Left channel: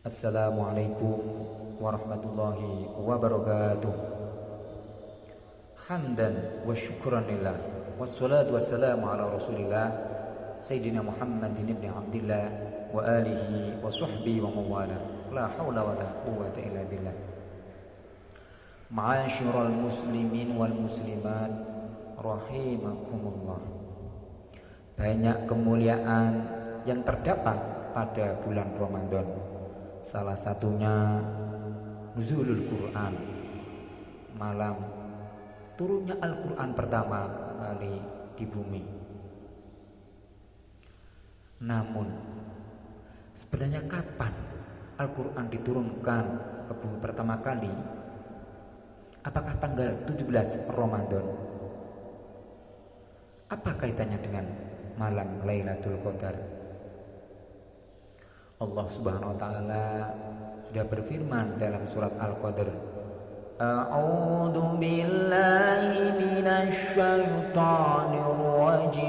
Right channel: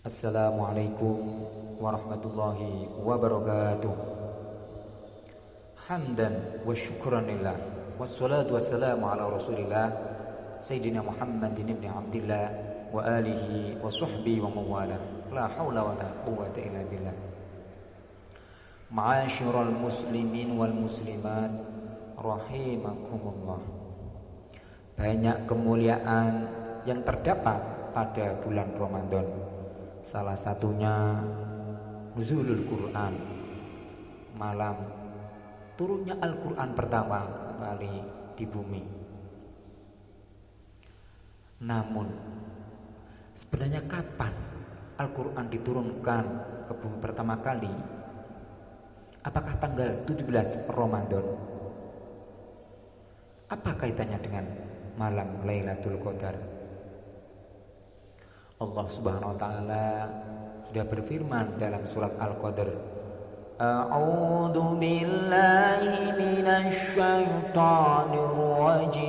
Assalamualaikum warahmatullahi wabarakatuh. Hamdan wa syukran lillah, wassalatu wassalamu ala rasulillah Sayyidina Muhammadin ibn Abdillah wa alihi wa sahbihi wa mawala. La hawla wa la quwwata illa billah. Ma'asyiral muslimin wal muslimat rahimakumullah. Banyak kemuliaan yang terdapat pada bulan Ramadan. Salah satunya nuzulul Quran, malam turunnya Al-Quran pertama kali di bumi. Namun sebenarnya kapan Al-Quran diturunkan ke bumi pertama kali? Apakah tanggal 17 Ramadan? Apa kaitannya dengan malam Lailatul Qadar? Allah Subhanahu wa taala sudah berfirman dalam surat Al-Qadr, A'udzu billahi minasy syaithanir rajim.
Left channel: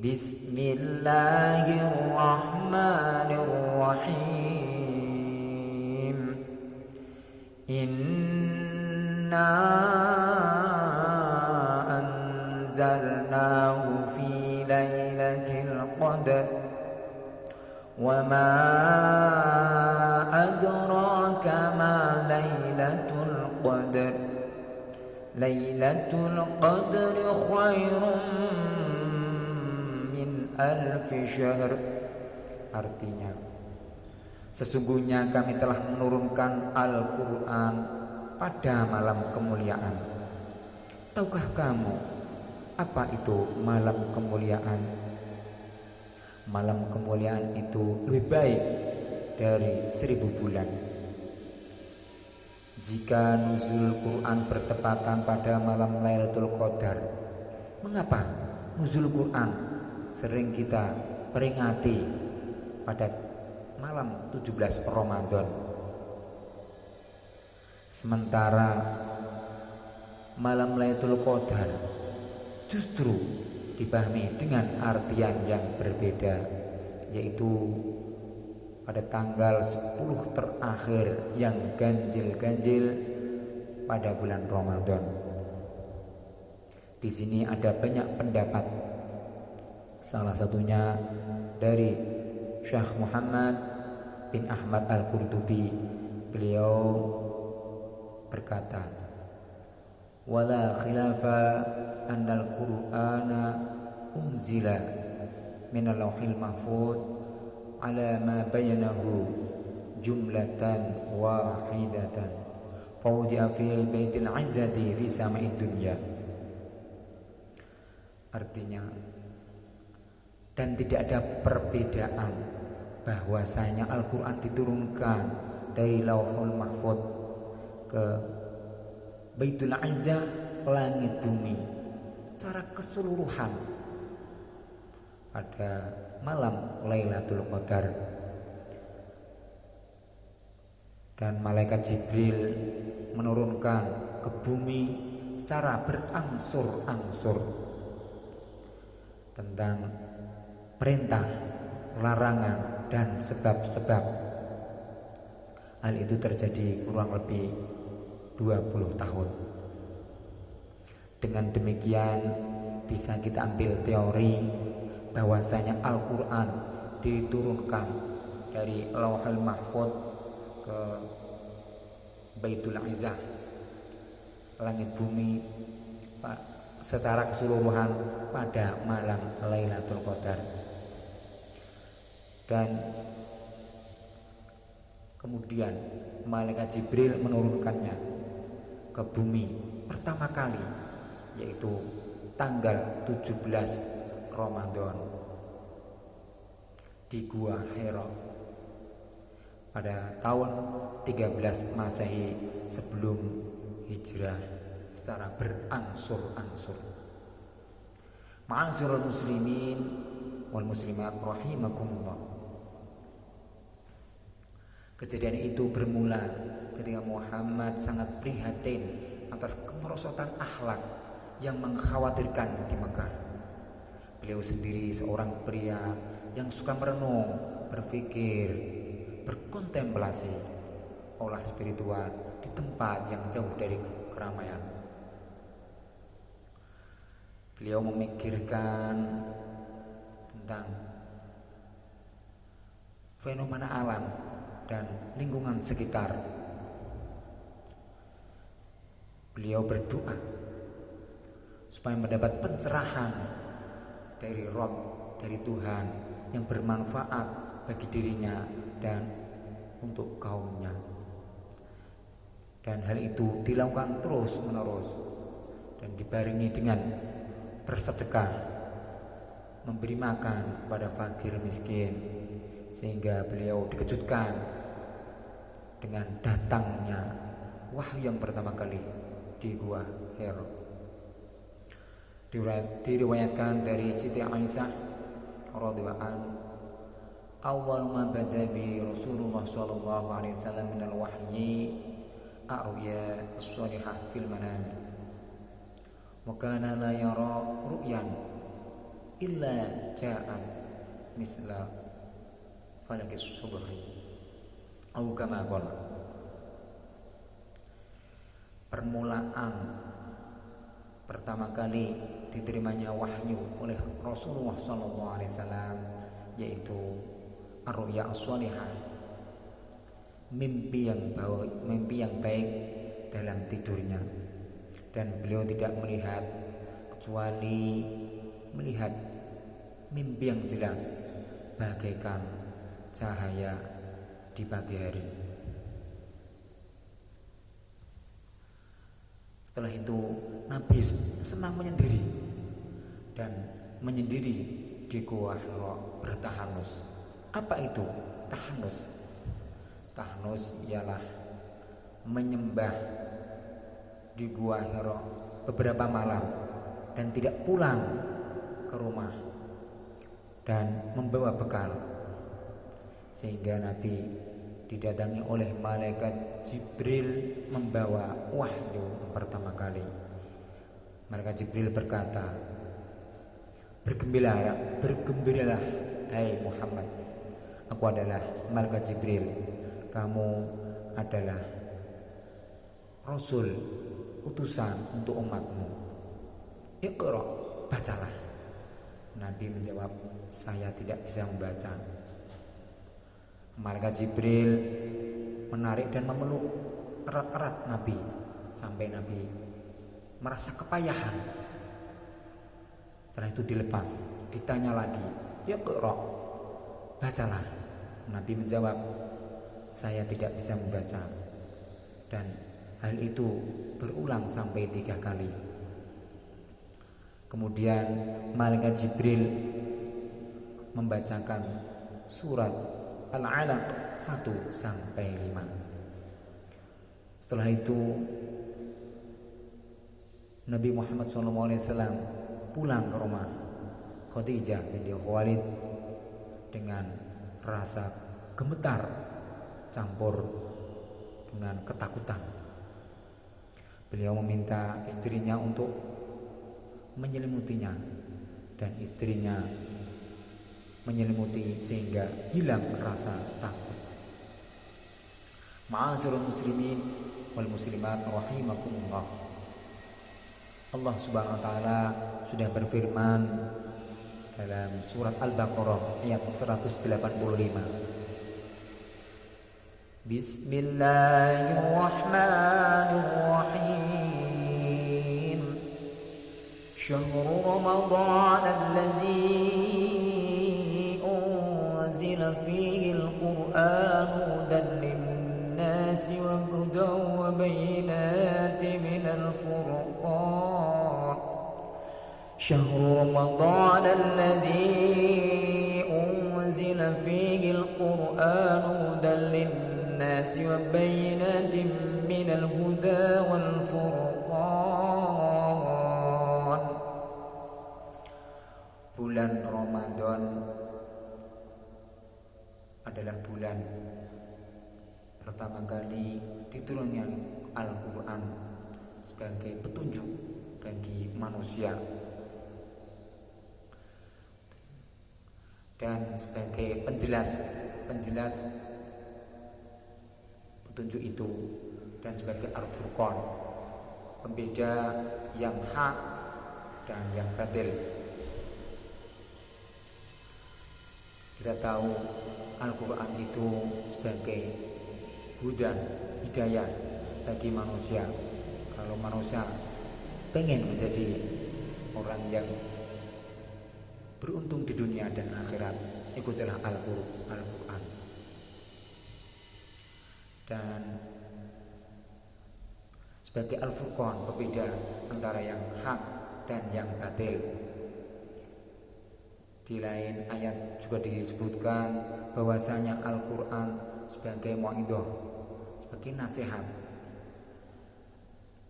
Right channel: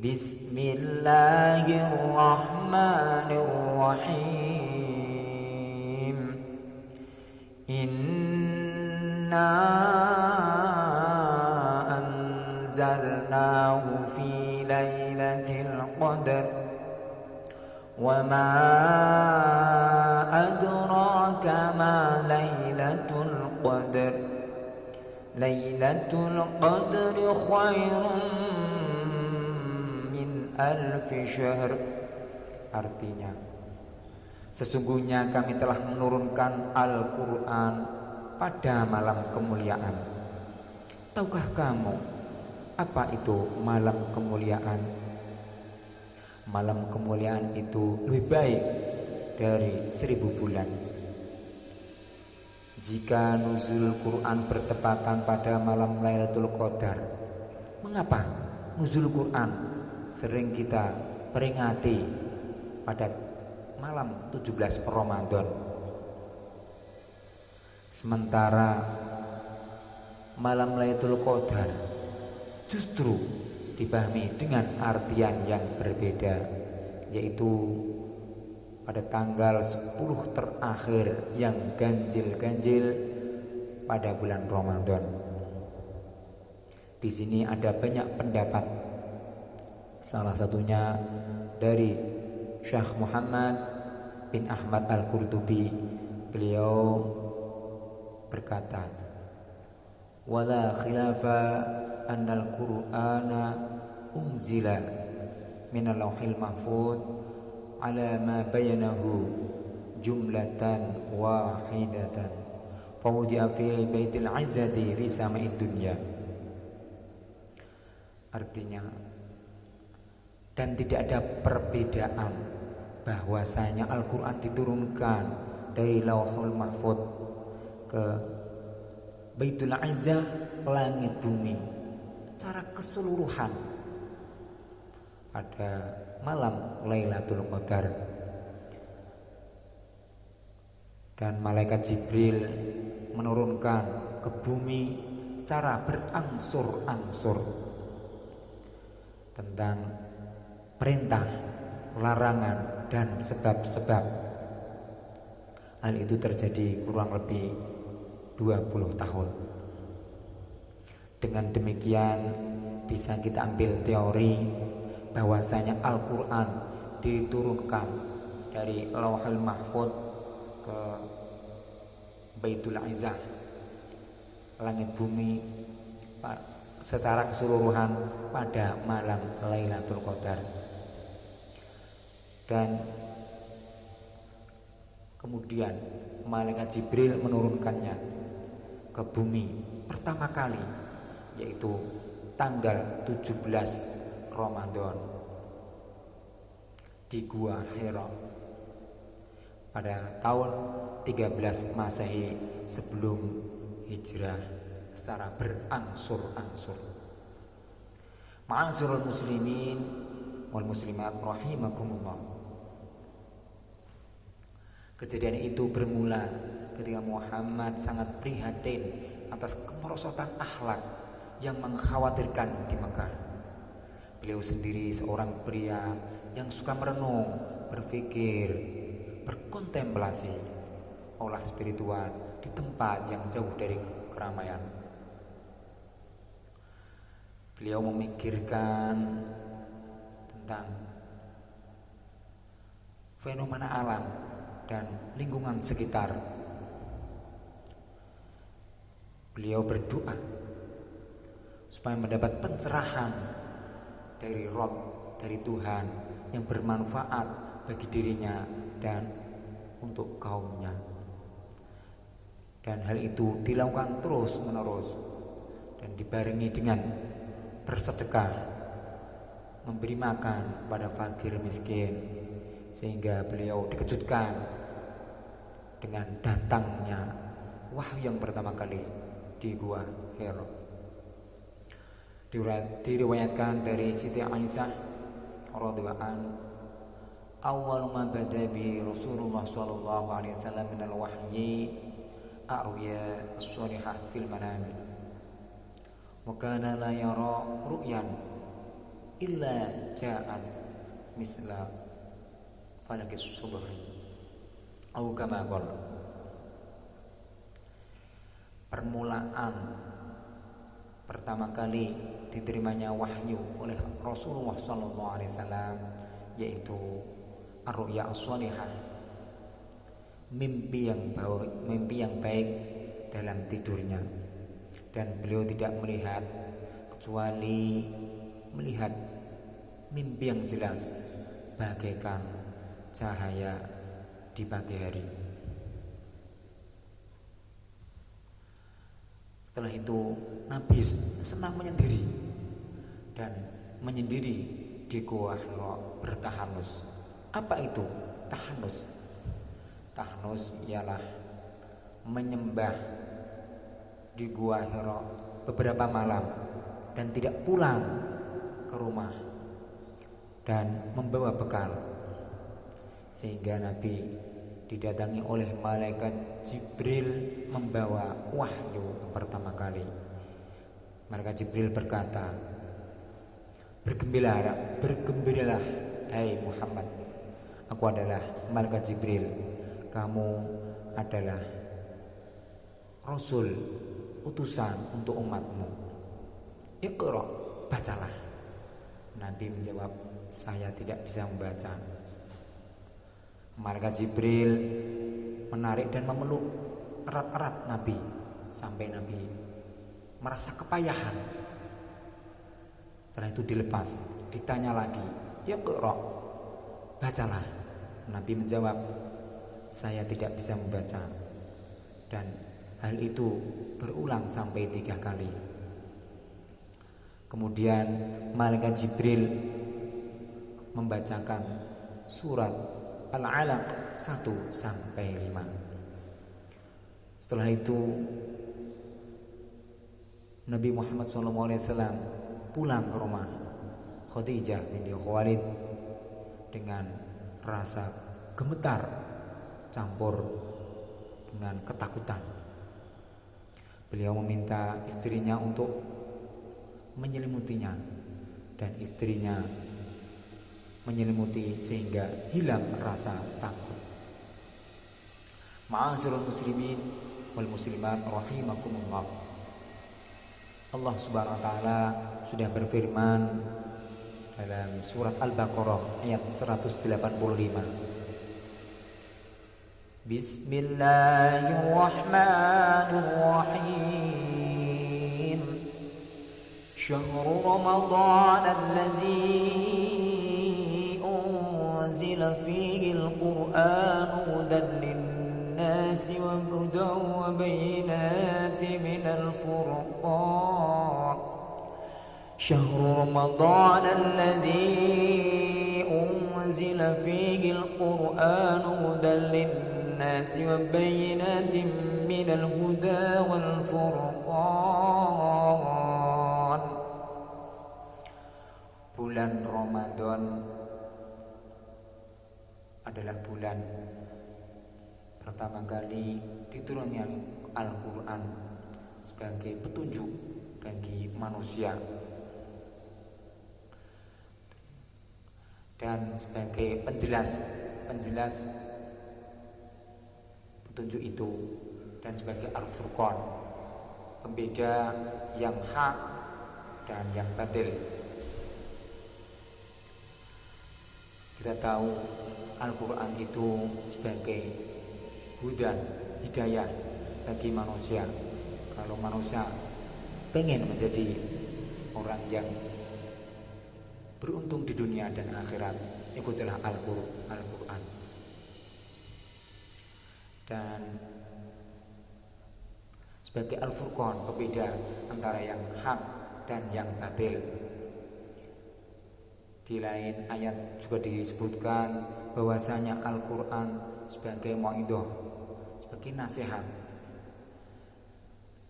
Bismillahirrahmanirrahim. Inna anzalnahu fi lailatul qadar wa ma adraka ma lailatul qadar. Lailatul qadri khairun min alfi syahr. Artinya, sesungguhnya kami telah menurunkan Al-Quran pada malam kemuliaan. Tahukah kamu apa itu malam kemuliaan? Malam kemuliaan itu lebih baik dari 1000 bulan. Jika nuzul Quran bertepatan pada malam Lailatul Qadar, mengapa nuzul Quran sering kita peringati pada malam 17 Ramadan? Sementara malam Lailatul Qadar justru dipahami dengan artian yang berbeda, yaitu pada tanggal 10 terakhir yang ganjil-ganjil pada bulan Ramadan. Di sini ada banyak pendapat. Salah satunya dari Syekh Muhammad bin Ahmad Al-Qurtubi. Beliau berkata, wala khilafa annal Qur'ana unzila minal lauhil mahfuz ala ma bayanahu jumlatan wahidatan fawdi'a fi baitil izzati fi sama'id dunya. Artinya, dan tidak ada perbedaan bahwasanya Al-Quran diturunkan dari lauhul mahfuz ke Baitul Izzah, langit bumi, secara keseluruhan pada malam Lailatul Qadar. Dan malaikat Jibril menurunkan ke bumi secara berangsur-angsur tentang perintah, larangan, dan sebab-sebab. Hal itu terjadi kurang lebih 20 tahun. Dengan demikian bisa kita ambil teori bahwasanya Al-Quran diturunkan dari Lauhul Mahfuz ke Baitul Izzah, langit bumi, secara keseluruhan pada malam Lailatul Qadar. Dan kemudian malaikat Jibril menurunkannya ke bumi pertama kali, yaitu tanggal 17 Ramadan di Gua Hira pada tahun 13 Masehi sebelum hijrah, secara berangsur-angsur. Ma'asyiral muslimin wal muslimat rahimakumullah. Kejadian itu bermula ketika Muhammad sangat prihatin atas kemerosotan akhlak yang mengkhawatirkan di Mekah. Beliau sendiri seorang pria yang suka merenung, berpikir, berkontemplasi, olah spiritual di tempat yang jauh dari keramaian. Beliau memikirkan tentang fenomena alam dan lingkungan sekitar. Beliau berdoa supaya mendapat pencerahan dari Rob, dari Tuhan yang bermanfaat bagi dirinya dan untuk kaumnya. Dan hal itu dilakukan terus menerus dan dibarengi dengan bersedekah, memberi makan kepada fakir miskin, sehingga beliau dikejutkan dengan datangnya wahyu yang pertama kali di Gua Hira. Diriwayatkan dari Siti Aisyah radhiyallahu anha, awal ma bada bi Rasulullah sallallahu alaihi wasallam min al-wahyi arya as-salihah fil manam, wa kana la yara ru'yan illa ja'at misla falakis subhi au kama qala. Permulaan pertama kali diterimanya wahyu oleh Rasulullah SAW yaitu ar-ru'ya as-salihah, mimpi yang baik dalam tidurnya, dan beliau tidak melihat kecuali melihat mimpi yang jelas bagaikan cahaya di pagi hari. Setelah itu Nabi senang menyendiri dan menyendiri di Gua Hira bertahanus. Apa itu tahanus? Tahanus ialah menyembah di Gua Hira beberapa malam dan tidak pulang ke rumah dan membawa bekal, sehingga Nabi didatangi oleh malaikat Jibril membawa wahyu yang pertama kali. Malaikat Jibril berkata, bergembiralah hai Muhammad, aku adalah malaikat Jibril, kamu adalah Rasul, utusan untuk umatmu. Iqra, bacalah. Nabi menjawab, saya tidak bisa membaca. Malaikat Jibril menarik dan memeluk erat-erat Nabi sampai Nabi merasa kepayahan. Setelah itu dilepas, ditanya lagi, ya Iqra, bacalah. Nabi menjawab, saya tidak bisa membaca. Dan hal itu berulang sampai 3 kali. Kemudian malaikat Jibril membacakan surat Al-Alaq 1 sampai 5. Setelah itu Nabi Muhammad SAW pulang ke rumah Khadijah binti Khuwailid dengan rasa gemetar campur dengan ketakutan. Beliau meminta istrinya untuk menyelimutinya, dan istrinya menyelimuti sehingga hilang rasa takut. Ma'asyiral muslimin wal muslimat rahimakumullah. Allah Subhanahu wa taala sudah berfirman dalam surat Al-Baqarah ayat 185. Bismillahirrahmanirrahim. Syahrul Ramadan allazi فيه القرآن هدى للناس وهدى وبينات من الفرقان شهر رمضان الذي أنزل فيه القرآن هدى للناس وبينات من الهدى والفرقان. Bulan Ramadan adalah bulan pertama kali diturunnya Al-Quran sebagai petunjuk bagi manusia. dan sebagai penjelas petunjuk itu, dan sebagai Al-Furqan, pembeda yang hak dan yang batil. Kita tahu Al-Quran itu sebagai hudan, hidayah bagi manusia. Kalau manusia pengen menjadi orang yang beruntung di dunia dan akhirat, ikutilah Al-Quran. Dan sebagai Al-Furqan, pembeda antara yang hak dan yang batil. Di lain ayat juga disebutkan bahwasanya Al-Quran sebagai mau'idhah, sebagai nasihat,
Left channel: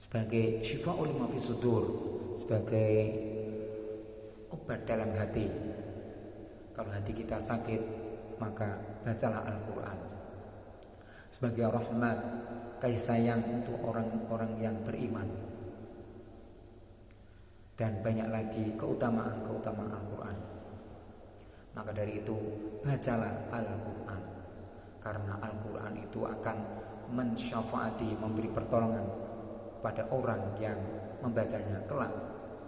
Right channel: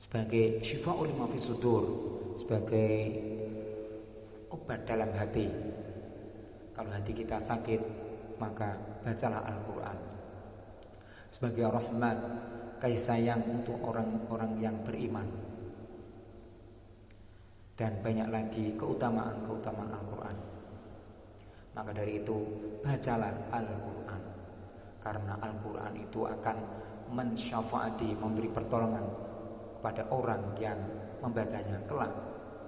sebagai syifa'ul lima fis sudur, sebagai obat dalam hati. Kalau hati kita sakit, maka bacalah Al-Quran. Sebagai rahmat, kasih sayang untuk orang-orang yang beriman. Dan banyak lagi keutamaan Al-Quran. Maka dari itu, bacalah Al-Quran, karena Al-Quran itu akan mensyafaati, memberi pertolongan kepada orang yang membacanya kelak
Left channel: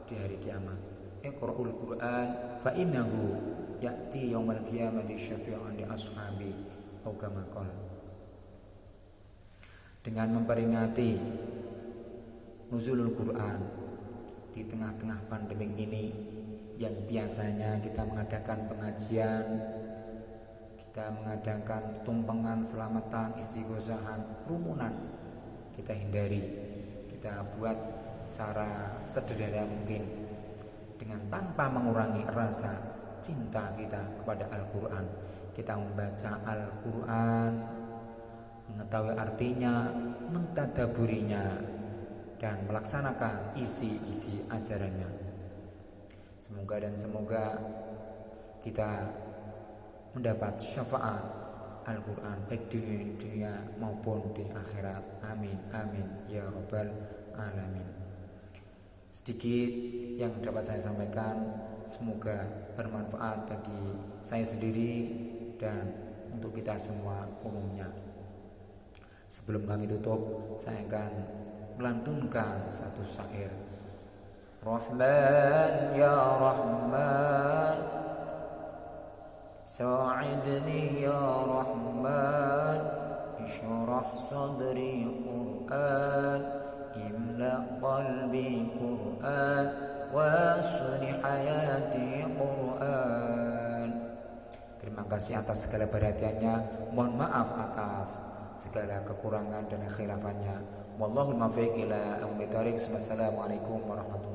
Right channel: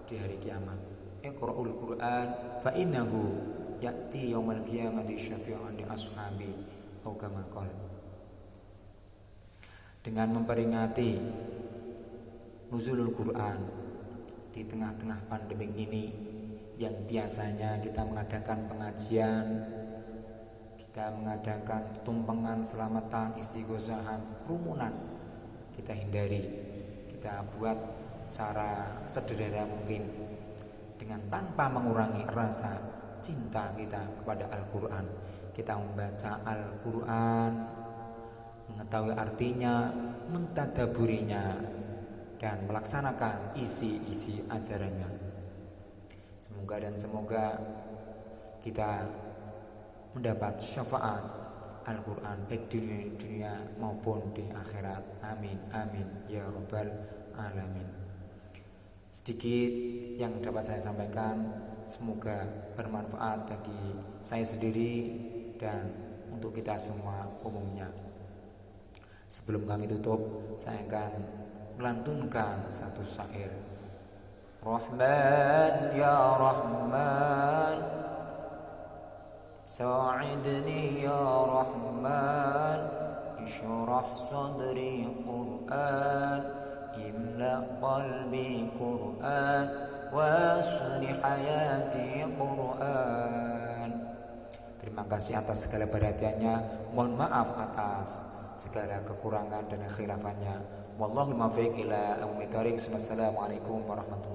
di hari kiamat. Iqra'ul Quran fa innahu ya'ti yaumal qiyamati syafi'an li ashabi atau kama qala. Dengan memperingati nuzulul Quran di tengah-tengah pandemi ini, yang biasanya kita mengadakan pengajian, kita mengadakan tumpengan, selamatan, istighosahan, kerumunan, kita hindari. Kita buat secara sederhana mungkin, dengan tanpa mengurangi rasa cinta kita kepada Al-Quran. Kita membaca Al-Quran, mengetahui artinya, mentadaburinya, dan melaksanakan isi-isi ajarannya. Semoga kita mendapat syafaat Al-Quran baik di dunia maupun di akhirat. Amin, amin ya rabbal alamin. Sedikit yang dapat saya sampaikan, semoga bermanfaat bagi saya sendiri dan untuk kita semua umumnya. Sebelum kami tutup, saya akan melantunkan satu syair. Rahman ya Rahman, sa'idni ya Rahman, ishrah sadri Qur'an, imla qalbi Qur'an, wasli hayati Qur'an. Terima kasih atas segala perhatiannya. Mohon maaf atas segala kekurangan dan khilafannya. Wallahul muwaffiq ila aqwamit thoriq. Wassalamualaikum warahmatullahi wabarakatuh.